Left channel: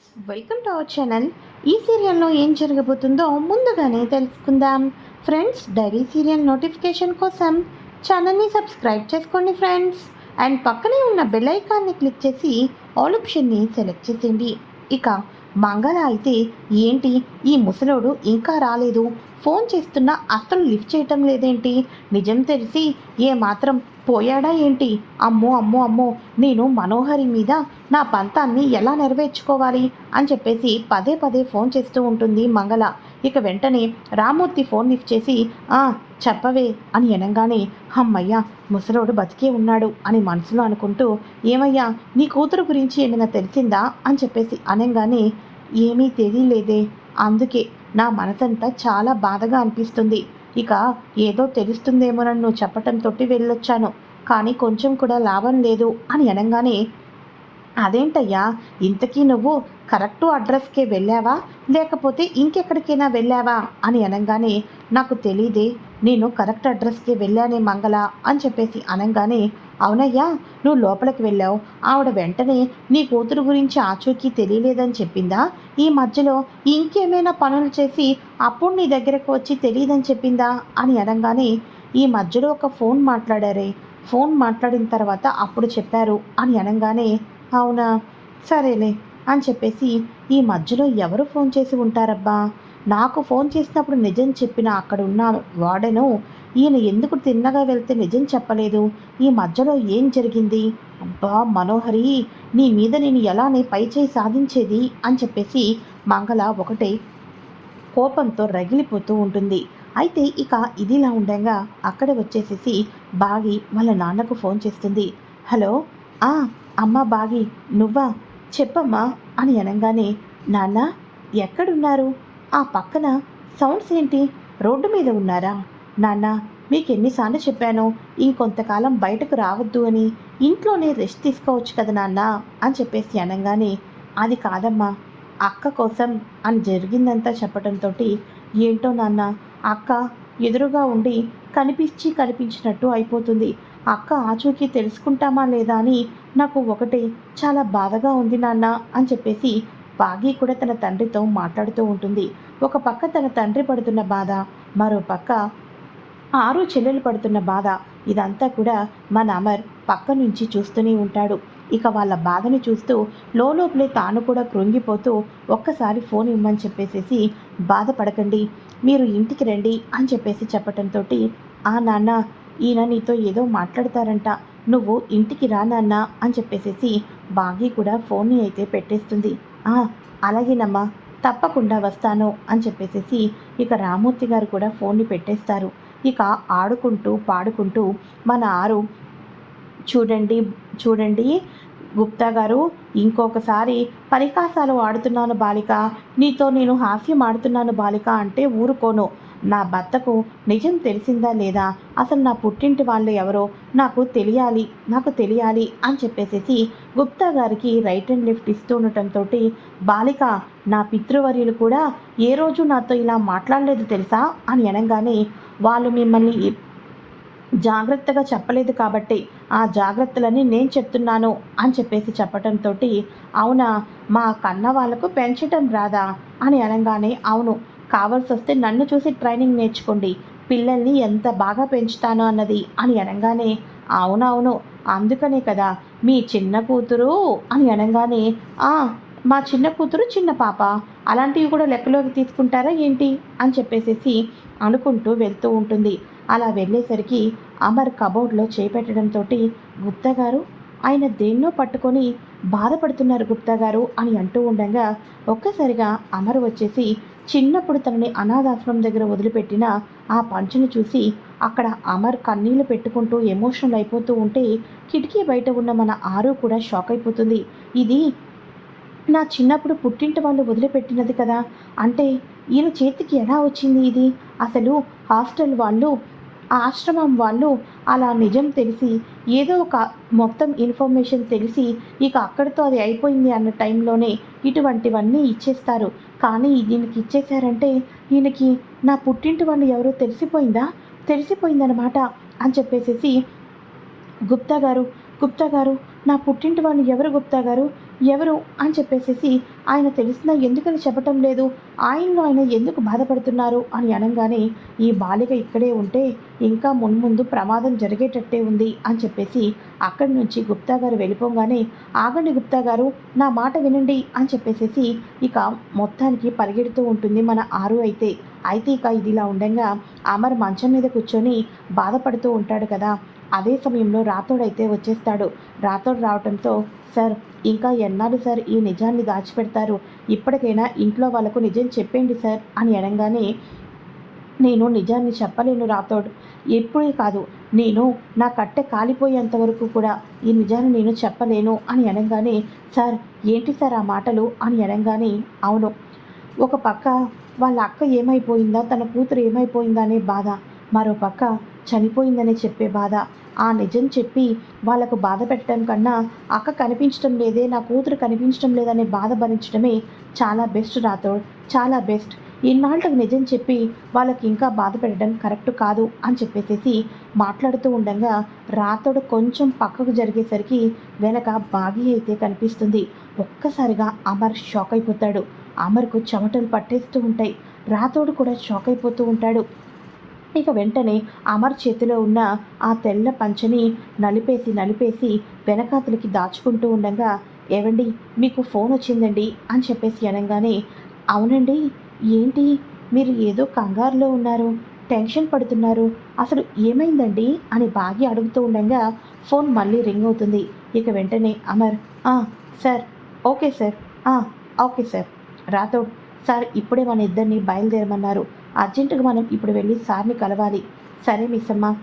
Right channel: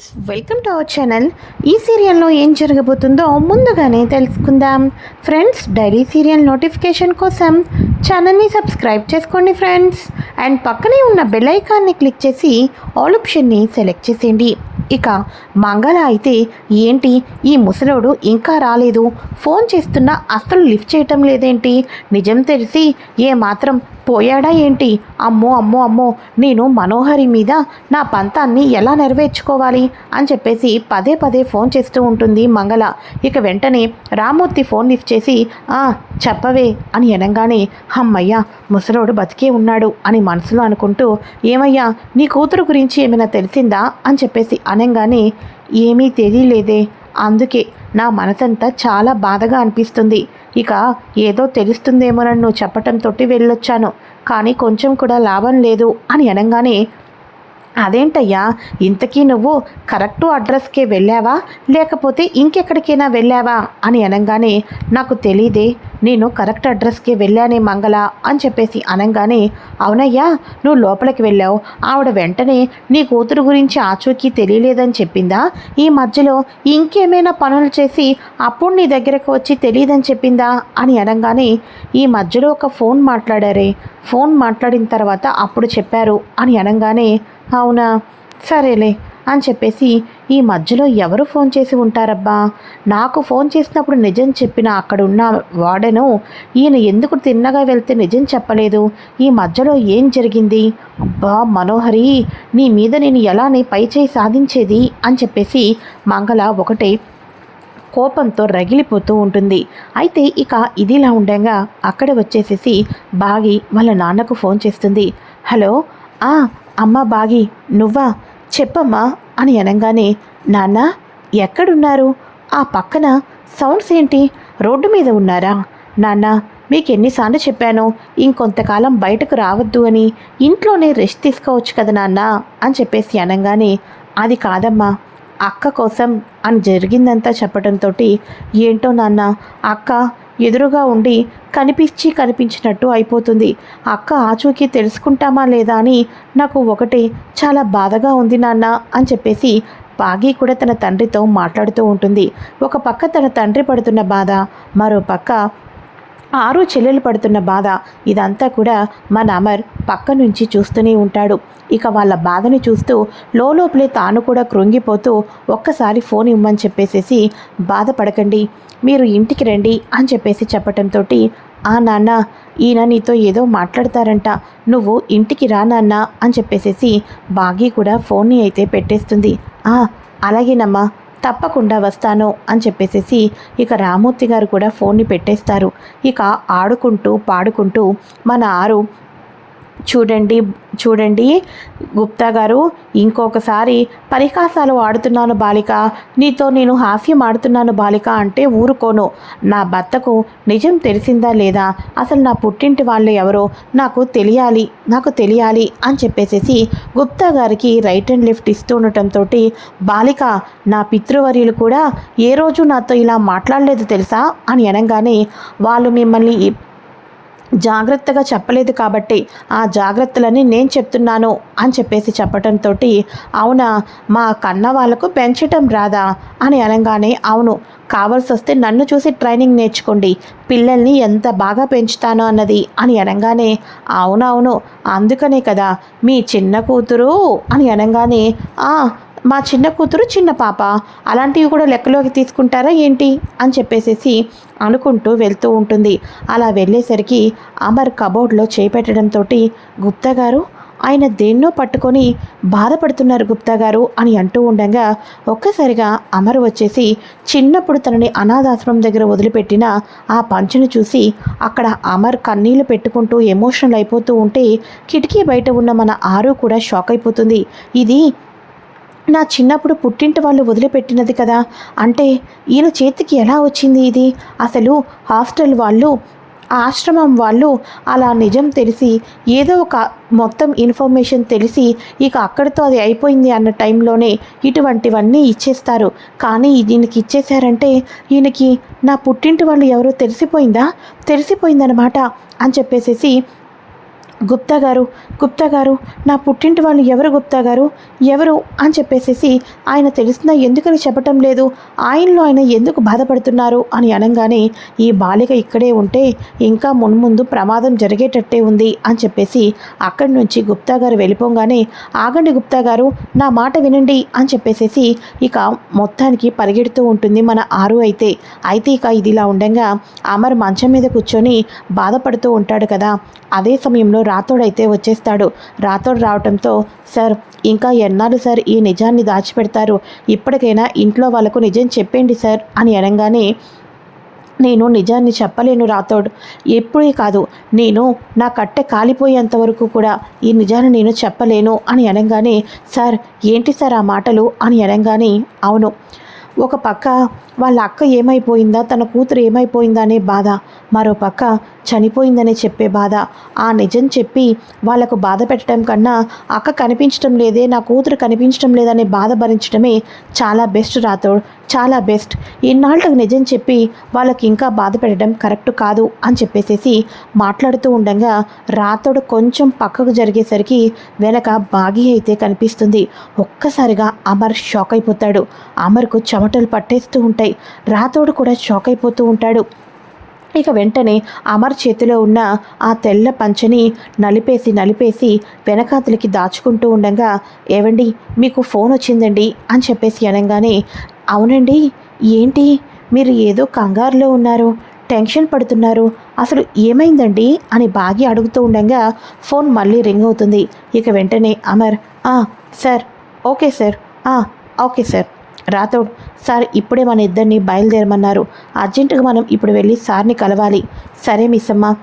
Friends welcome to our channel ఈ సీరియల్లో ఏం జరగబోతుందో ముందుగానే తెలుసుకుందాం. ఫ్రెండ్స్ డైలీ సీరియల్ నోటిఫికేషన్ కోసం ఛానల్ని సబ్స్క్రైబ్ చేసుకోండి ఫ్రెండ్స్ అండ్ పక్కనే ఉన్న బెల్ ఐకాన్ని క్లిక్ చేసి ఆల్ ఆప్షన్ని సెలెక్ట్ చేసేయండి. ఇక మంగళ అయితే ఏంటి? ఈ ముసలోడు ఇంకా రాలేదు. ఫోన్ చేస్తున్నా అస్సలు లిఫ్ట్ చేయటం లేదేంటి? నిజం తెలిసి ఏమాత్రం పోయాడా ఏంటి? అమ్మో అమ్మో అమ్మో నేను మనోహరి మీద నా పంతాన్ని ఎలా నెరవేర్చుకోవాలి? అని చెప్పేసి పదే పదే ఫోన్ చేస్తూ ఉంటుంది మంగళ. ఇక వెంటనే రామూర్తి ఫోన్ లిఫ్ట్ చేసి ఆ చెప్పవే అని అనగానే అమ్మయ్యా ముసలోడు బతికే ఉన్నాడు అని మనసులో అనుకుంటూ ఏమయ్యా నీ కూతురు గురించి ఏమైనా తెలిసిందా? అని చెప్పేసి అనగానే ఏమీ తెలియలేదే అందుకే నా మనసంతా చాలా బాధగా అనిపిస్తుంది. ఇక ఏదో తెలుస్తుందేమోనని నువ్వు చెప్పటంతో వెళ్ళొచ్చాను. కానీ కొంచెం కూడా లాభం లేదు అని అనగానే అదేంటయ్యా ఇంతకీ నువ్వు కరెక్టు అడ్రస్కే వెళ్ళావా? లేకపోతే ఇంకెక్కడికైనా వెళ్ళావా? అని అనగానే నాకు తెలియదే నేను కరెక్ట్ అడ్రస్కి వెళ్ళానే మంగళ అని చెప్పేసి అనగానే అవునయ్యా నువ్వు లోపలికి వెళ్ళావు. ఆవిడ వెంటనే నీ కూతురు గురించి ఆచూకీ తెలియలేదని చెప్పిందా? ఈ మధ్యలో ఇంకేమైనా పనులు చేసి అప్పుడు నీ దగ్గరకు వచ్చి తెలియదని చెప్పిందా? అని అనగానే ఈ మధ్యలో ఒక ఫోన్ మాట్లాడారే. ఫోన్ మాట్లాడిన తర్వాత అప్పుడు చెప్పారు అని అనగానే అవునా? సరేలే. అని చెప్పేసి ఈ మధ్యలో ఎవరు ఫోన్ చేసి ఉంటారబ్బా? నాకు ఫోన్ చేసినప్పుడు నిజం చెప్పిన అక్కడ ఉన్న వాడను ఈయన ఎందుకు తిన్నగా వెళ్తే నిజం చెప్పలేదు? ఈ మధ్యలో ఏం జరిగింది? అబ్బా మనోహరి నీ మీద నేను ఎలా నీ పై చేయి సాధించేది? అని చెప్పేసి మంగళ ఒకటే కోపంతో రగిలిపోతూ ఉంటుంది. అయితే ఇక ఇదిలా ఉండగా అక్కడ వచ్చేసేసి బాగి వాళ్ళ నాన్నకు ఫోన్ చేస్తుంది. హలో ఆ అమ్మ బాగి నువ్వా? చెప్పమ్మా అని అనగానే నాన్న ఎక్కడున్నారు? ఆ పక్కన సౌండ్స్ ఏంటి? రోడ్డు మీద ఉన్నారా? నాన్న మీకు ఎన్నిసార్లు చెప్పాను ఇంకొంతకాలం బయటకు రావద్దు అని ఇంట్లోనే రెస్ట్ తీసుకోవచ్చు కదా నాన్న అని చెప్పేసి అనగానే అది కాదమ్మా అక్క కోసం అని జరిగిందంతా చెప్పడంతో ఏంటో నాన్న అక్క ఎదురుగా ఉండి కనిపించి కనిపించినట్టు అయిపోతుంది. అక్క ఆచూకీ తెలుసుకుంటామా లేదా అని నాకు ఒకటే చాలా బాధగా ఉంది నాన్న అని చెప్పేసి బాగి కూడా తన తండ్రితో మాట్లాడుతూ ఉంటుంది. ఒక పక్క తన తండ్రి పడుతున్న బాధ మరో పక్క ఆరు చెల్లెలు పడుతున్న బాధ ఇదంతా కూడా మన అమర్ పక్క నుంచి చూస్తూనే ఉంటాడు. ఇక వాళ్ళ బాధని చూస్తూ లోపలే తాను కూడా కృంగిపోతూ ఒక్కసారి ఫోన్ ఇవ్వమని చెప్పేసేసి బాధపడకండి మీరు ఇంటికి రండి అని చెప్పేసి చెప్పటంతో ఆ నాన్న ఈయన నీతో ఏదో మాట్లాడతారంట నువ్వు ఇంటికి రా నాన్న అని చెప్పేసేసి బాగి కూడా ఫోన్ని అయితే పెట్టేస్తుంది. ఆ అలాగేనమ్మా తప్పకుండా వస్తాను అని చెప్పేసేసి ఇక రామూర్తి గారు కూడా ఫోన్ని పెట్టేస్తారు. ఇక ఆడుకుంటూ పాడుకుంటూ మన ఆరు చూడండి చూడండి. గుప్తా గారు ఇంకొకసారి పరిహాసాలు ఆడుతున్నాను బాలిక. నీతో నేను హాస్యం ఆడుతున్నాను బాలిక అంటే ఊరుకోను. నా భర్తకు నిజం తెలిసిందా లేదా? అసలు నా పుట్టింటి వాళ్ళు ఎవరో నాకు తెలియాలి నాకు తెలియాలి అని చెప్పేసేసి గుప్తా గారికి రైట్ అండ్ లెఫ్ట్ ఇస్తూ ఉండటంతో బాలిక నా పితృవర్యులు కూడా ఏ రోజు నాతో ఇలా మాట్లాడలేదు తెలుసా? అని అనగానే వాళ్ళు మిమ్మల్ని జాగ్రత్తగా చెప్పలేదు కాబట్టి ఆ జాగ్రత్తలని నేను చెప్తున్నాను అని చెప్పేసి చెప్పటంతో అవునా మా కన్న వాళ్ళకు పెంచటం రాదా అని అనగానే అవును కావాల్సి వస్తే నన్ను చూసి ట్రైనింగ్ నేర్చుకోండి పిల్లల్ని ఎంత బాగా పెంచుతాను అన్నది అని అనగానే అవునవును అందుకనే కదా మీ చిన్న కూతురు అని అనగానే మా చిన్న కూతురు చిన్న పాప. అలాంటివి కూడా లెక్కలోకి తీసుకుంటారా ఏంటి? అని చెప్పేసేసి అనుకుంటూ వెళ్తూ ఉంటుంది. అలా వెళ్ళేసరికి అమర్ కబోర్డ్లో చేపెట్టడంతో గుప్తా గారు ఆయన దేన్నో పట్టుకొని బాధపడుతున్నారు గుప్తా గారు అని అంటూ ఉండగా ఒక్కసారిగా అమర్ వచ్చేసి చిన్నప్పుడు తనని అనాథాశ్రమం దగ్గర వదిలిపెట్టిన ఆ పంచను చూసి అక్కడ అమర్ కన్నీళ్ళు పెట్టుకుంటూ ఎమోషనల్ అయిపోతూ ఉంటే కిటికీ బయట ఉన్న మన ఆరు కూడా షాక్ అయిపోతుంది. ఇది నా చిన్నప్పుడు పుట్టింటి వాళ్ళు వదిలిపెట్టినది కదా. అంటే ఈయన చేతికి ఎలా వచ్చింది ఇది? అసలు హాస్టల్ వాళ్ళు ఆశ్రమం వాళ్ళు అలా నిజం తెలిసి ఏదో ఒక మొత్తం ఇన్ఫర్మేషన్ తెలిసి ఇక అక్కడితో అది అయిపోయింది అన్న టైంలోనే ఇటువంటివన్నీ ఇచ్చేస్తారు. కానీ దీనికి ఇచ్చేశారంటే ఈయనకి నా పుట్టింటి వాళ్ళు ఎవరో తెలిసిపోయిందా? తెలిసిపోయిందనమాట అని చెప్పేసేసి గుప్తా గారు గుప్తా గారు నా పుట్టింటి వాళ్ళు ఎవరు గుప్తా గారు? ఎవరు? అని చెప్పేసేసి ఆయన తెలిసినా ఎందుకని చెప్పటం లేదు? ఆయనలో ఆయన ఎందుకు బాధపడుతున్నారు? అని అనగానే ఈ బాలిక ఇక్కడే ఉంటే ఇంకా మున్ముందు ప్రమాదం జరిగేటట్టే ఉంది అని చెప్పేసి అక్కడి నుంచి గుప్తా గారు వెళ్ళిపోగానే ఆగండి గుప్తా గారు నా మాట వినండి అని చెప్పేసేసి ఇక మొత్తానికి పరిగెడుతూ ఉంటుంది మన ఆరు అయితే. అయితే ఇక ఇది ఇలా ఉండగా అమర్ మంచం మీద కూర్చొని బాధపడుతూ ఉంటాడు కదా. అదే సమయంలో రాథోడ్ అయితే వచ్చేస్తాడు. రాథోడ్ రావటంతో సార్ ఇంకా ఎన్నాళ్ళు సార్ ఈ నిజాన్ని దాచిపెడతారు? ఇప్పటికైనా ఇంట్లో వాళ్ళకు నిజం చెప్పండి సార్ అని అనగానే నేను నిజాన్ని చెప్పలేను రాథోడ్. ఎప్పుడే కాదు. నేను నా కట్టె కాలిపోయేంత వరకు కూడా ఈ నిజాన్ని నేను చెప్పలేను అని అనగానే సార్ ఏంటి సార్ ఆ మాటలు? అని అనగానే అవును. ఒక పక్క వాళ్ళ అక్క ఏమైపోయిందా? తన కూతురు ఏమైపోయిందా అనే బాధ. మరో పక్క చెప్పే బాధ. ఆ నిజం చెప్పి వాళ్ళకు బాధ పెట్టడం కన్నా అక్క కనిపించడం లేదే నా కూతురు కనిపించడం లేదనే బాధ భరించడమే చాలా బెస్ట్ రాథోడ్. చాలా బెస్ట్. ఇన్నాళ్ళకు నిజం చెప్పి వాళ్ళకి ఇంకా బాధ పెట్టడం కరెక్ట్ కాదు అని చెప్పేసేసి మాట్లాడుతూ ఉండగా రాతోడు కొంచెం పక్కకు జరిగేసరికి వెనక బాగి అయితే కనిపిస్తుంది. ఒక్కసారిగా అమర్ షాక్ అయిపోతాడు. అమర్కు చెమటలు పట్టేస్తూ ఉంటాయి. రాతోడు కూడా షాక్ అయిపోతూ ఉంటాడు. ఇక వెంటనే అమర్ చేతిలో ఉన్న ఆ తెల్ల పంచని నలిపేసి నలిపేసి వెనకాతలికి దాచుకుంటూ ఉండగా ఏవండి మీకు ఫోన్ వచ్చిందండి అని చెప్పేసి అనగానే అవునండి ఏంటి? మీరు ఏదో కంగారులో ఉన్నారు టెన్షన్ పడుతున్నారు అసలు ఏమైందండి? అని బాగి అడుగుతూ ఉండగా ఫోన్ మళ్ళీ రింగ్ అవుతుంది. ఇక వెంటనే అమర్ "ఆ, sir okay sir okay sir. Rathod sir ఇప్పుడే మన ఇద్దరిని బయలుదేరమన్నారు. అర్జెంటుగా మనం ఇప్పుడు వెళ్ళి సార్ని కలవాలి. సరే మిస్సమ్మ.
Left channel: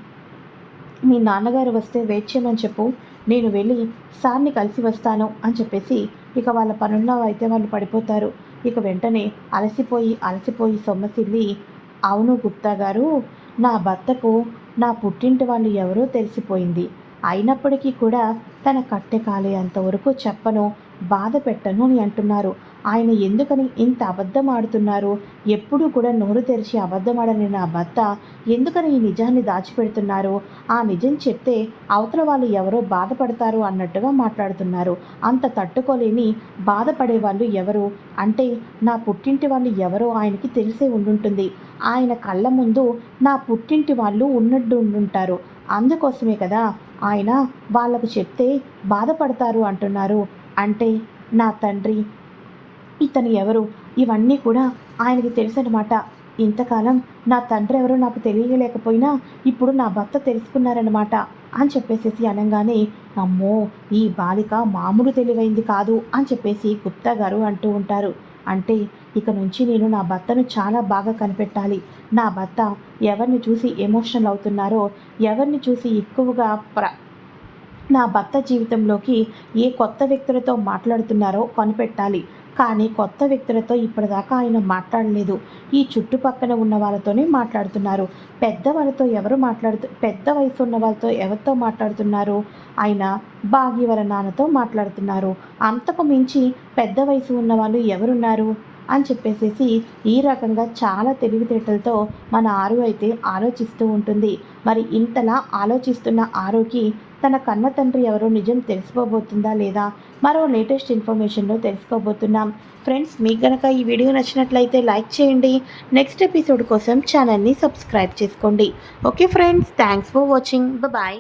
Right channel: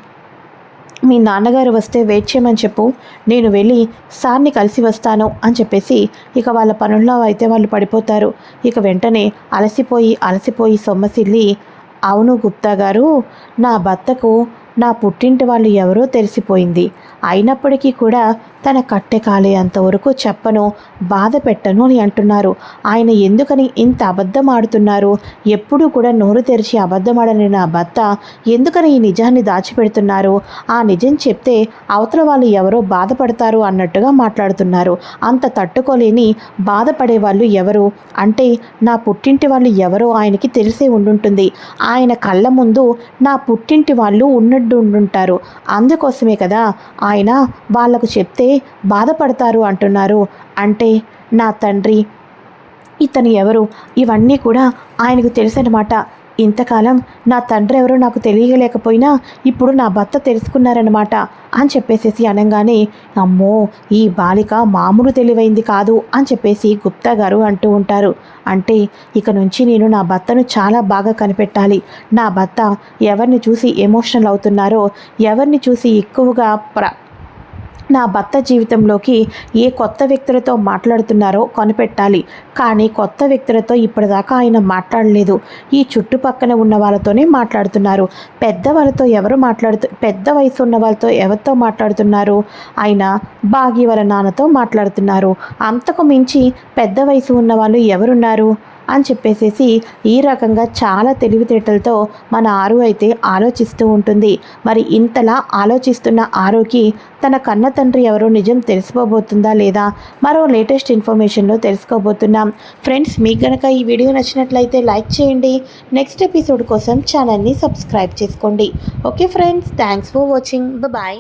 మీ నాన్నగారు వస్తే వెయిట్ చేయమని చెప్పు. నేను వెళ్ళి సార్ని కలిసి వస్తాను అని చెప్పేసి ఇక వాళ్ళ పనుల్లో అయితే వాళ్ళు పడిపోతారు. ఇక వెంటనే అలసిపోయి అలసిపోయి సొమ్మసిల్లి అవును గుప్తా గారు నా భర్తకు నా పుట్టింటి వాళ్ళు ఎవరో తెలిసిపోయింది. అయినప్పటికీ కూడా తన కట్టె కాలే అంతవరకు చెప్పను బాధ పెట్టను అని అంటున్నారు. ఆయన ఎందుకని ఇంత అబద్ధం ఆడుతున్నారు ఎప్పుడూ కూడా నోరు తెరిచి అబద్ధమాడని నా భర్త ఎందుకని ఈ నిజాన్ని దాచిపెడుతున్నారు? ఆ నిజం చెప్తే అవతల వాళ్ళు ఎవరో బాధపడతారు అన్నట్టుగా మాట్లాడుతున్నారు. అంత తట్టుకోలేని బాధపడే వాళ్ళు ఎవరు? అంటే నా పుట్టింటి వాళ్ళు ఎవరో ఆయనకి తెలిసే ఉండుంటుంది. ఆయన కళ్ళ ముందు నా పుట్టింటి వాళ్ళు ఉన్నట్టు ఉండుంటారు అందుకోసమే కదా ఆయన వాళ్ళకు చెప్తే బాధపడతారు అంటున్నారు. అంటే నా తండ్రి ఇతను ఎవరు? ఇవన్నీ కూడా ఆయనకు తెలుసనమాట ఇంతకాలం నా తండ్రి ఎవరో నాకు తెలియలేకపోయినా ఇప్పుడు నా భర్త తెలుసుకున్నారనమాట అని చెప్పేసేసి అనగానే అమ్మో ఈ బాలిక మామూలు తెలివైంది కాదు అని చెప్పేసి గుప్తా గారు అంటూ ఉంటారు. అంటే ఇక నుంచి నేను నా భర్తను చాలా బాగా కనిపెట్టాలి. నా భర్త ఎవరిని చూసి ఎమోషనల్ అవుతున్నారో ఎవరిని చూసి ఎక్కువగా ప్ర నా భర్త జీవితంలోకి ఏ కొత్త వ్యక్తులతో మాట్లాడుతున్నారో కనిపెట్టాలి. కానీ కొత్త వ్యక్తులతో ఇప్పటిదాకా ఆయన మాట్లాడలేదు. ఈ చుట్టుపక్కన ఉన్న వాళ్ళతోనే మాట్లాడుతున్నారు. పెద్దవాళ్ళతో ఎవరు మాట్లాడుతూ పెద్ద వయసు ఉన్న వాళ్ళతో ఎవరితో మాట్లాడుతున్నారు? ఆయన బాగి వాళ్ళ నాన్నతో మాట్లాడుతున్నారు. అంతకు మించి పెద్ద వయసు ఉన్న వాళ్ళు ఎవరున్నారు? అని చెప్పేసేసి ఈ రకంగా చాలా తెలివితేటలతో మన ఆరు అయితే ఆలోచిస్తూ ఉంటుంది. మరి ఇంతలా ఆలోచిస్తున్న ఆరోకి తన కన్న తండ్రి ఎవరో నిజం తెలుసుకోబోతుందా లేదా? మరో లేటెస్ట్ ఇన్ఫర్మేషన్లో తెలుసుకోబోతున్నాం. ఫ్రెండ్స్ మీకు గనక ఈ వీడియో నచ్చినట్లయితే లైక్ చేయండి. నెక్స్ట్ ఎపిసోడ్ కోసం ఛానల్ని సబ్స్క్రైబ్ చేసుకోండి. Okay friends thanks for watching. Bye.